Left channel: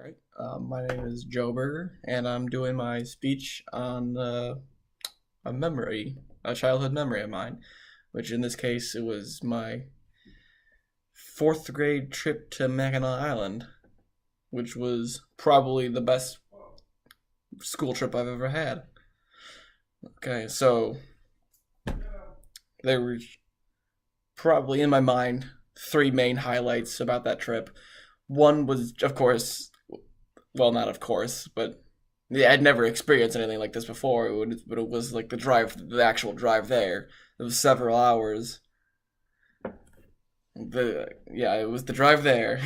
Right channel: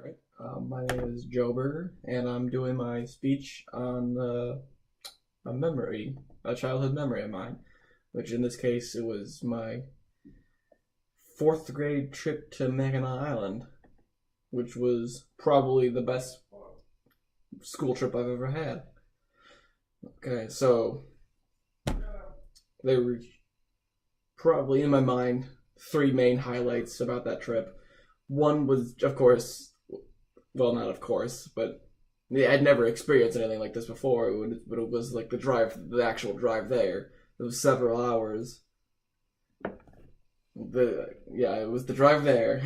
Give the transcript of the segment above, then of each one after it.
All right. My name is Joe Berger, and I'm doing my speech on a childhood memory of mine, which in this case it was my fourth grade trip to Mackinac Island, which was probably the best school trip I've ever had. Okay, so there were probably in my mind three main highlights about that trip. One was, of course, well, not of course, but yeah, I'd never experienced anything like this before. But it was like the actual drive there. It was several hours. It was the drive there.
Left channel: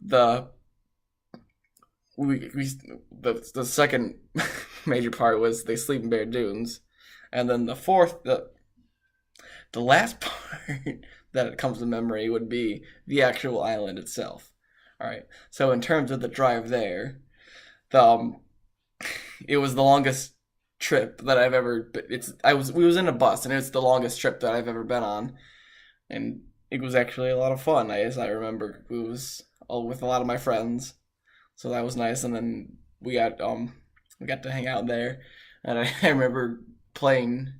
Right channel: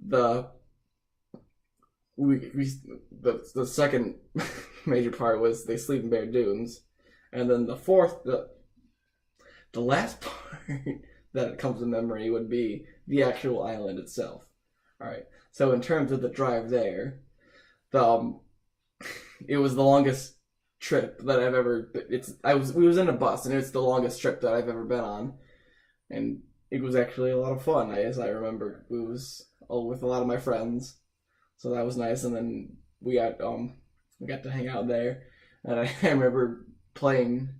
the we the second major part was the Sleeping Bear Dunes, and then the last part that comes to memory would be the actual island itself. All right. So in terms of the drive there, the it was the longest trip that I've ever. We was in a bus, and it's the longest trip that I've ever been on, and it was actually a lot of fun. As I remember, it was all with a lot of my friends, so that was nice. And then we got to hang out there, and I remember playing.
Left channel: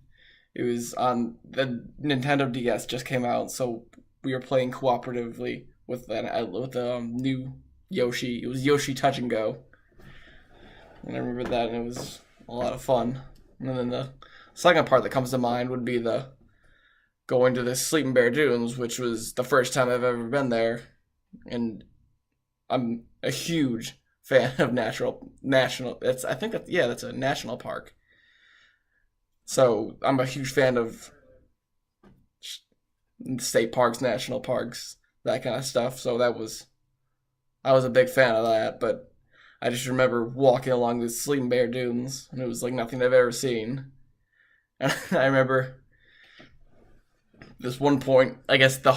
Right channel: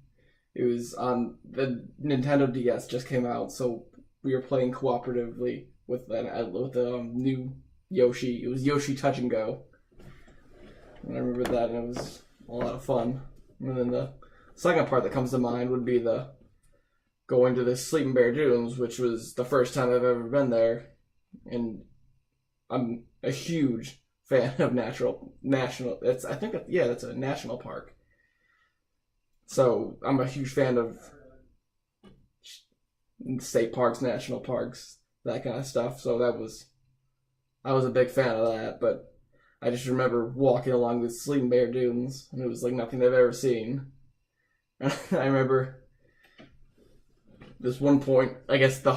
It was on the Nintendo DS just came out, so we were playing cooperatively with the new Yoshi. It was Yoshi Touch and Go, and I remember that, and it was a lot of fun. And then the second part that comes to mind would be the going to the Sleeping Bear Dunes, which was the first time I've ever been there, and I'm a huge fan of national. I think that's a national park. So I'm a huge fan of state parks, national parks, that kind of stuff. So I was a big fan of that. But I just remember walking along the Sleeping Bear Dunes, and it was like nothing I've ever seen. And I remember this one point. I guess the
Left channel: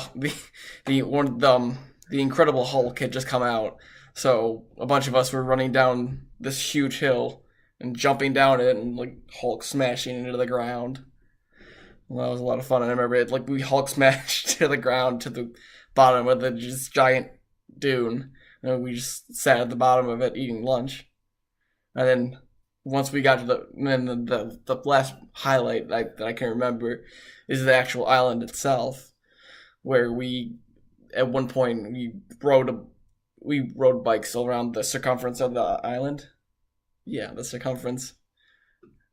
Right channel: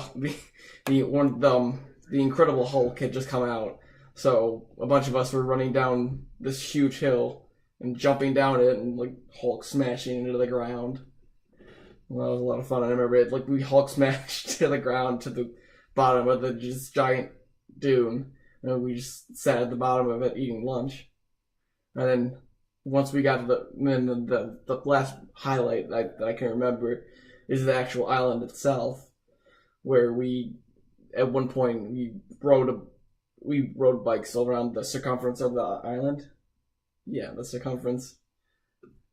Incredible Hulk had just come out, so a bunch of us were running down this huge hill and jumping down it, and like Hulk smashing into the ground. Well, that was a lot of fun. I remember it, like we Hulk smashed to the ground to the bottom of the just giant dune, and we just sat at the bottom of it eating lunch. And then once we got to the last highlight that I can remember is the actual island itself, where we at one point we rode bikes around the circumference of the island. Yeah, the circumference,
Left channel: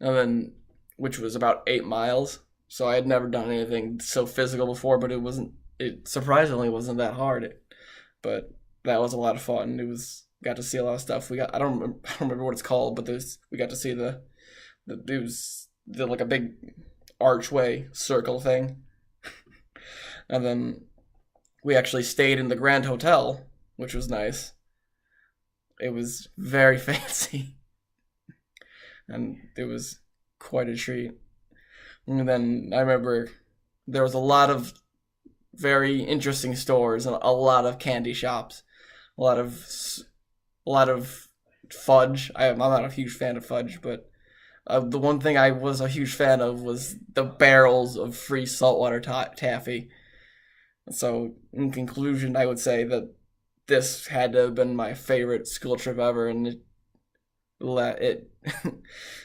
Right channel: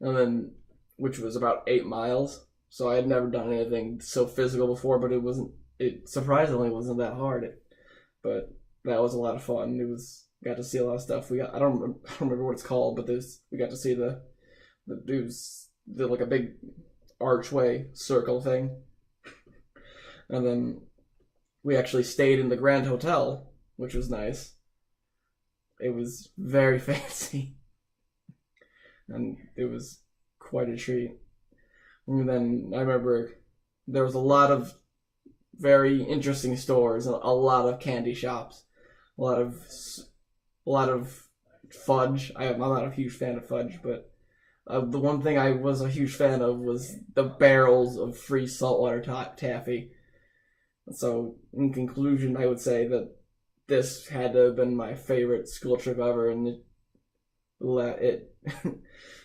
and then which was about 8 miles. So I had never done anything so physical before, but it surprisingly wasn't that hard. But that was a lot of fun. Got to see a lot of stuff. I don't remember what it's called, but we got to see like a big archway circle thing, and then we actually stayed in the Grand Hotel, which was nice. It was very fancy, and it was quite a treat. And then I remember there was a lot of very interesting stores and a lot of candy shops, a lot of fudge. I'm not a huge fan of fudge, but the one thing I was a huge fan of was the barrels of free saltwater taffy. So in conclusion, I would say that this had to have been my favorite school trip ever, and it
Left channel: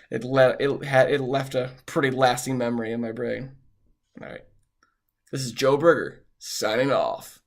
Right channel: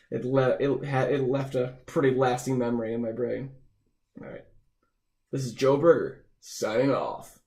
it left a pretty lasting memory in my brain. All right, this is Joe Berger signing off.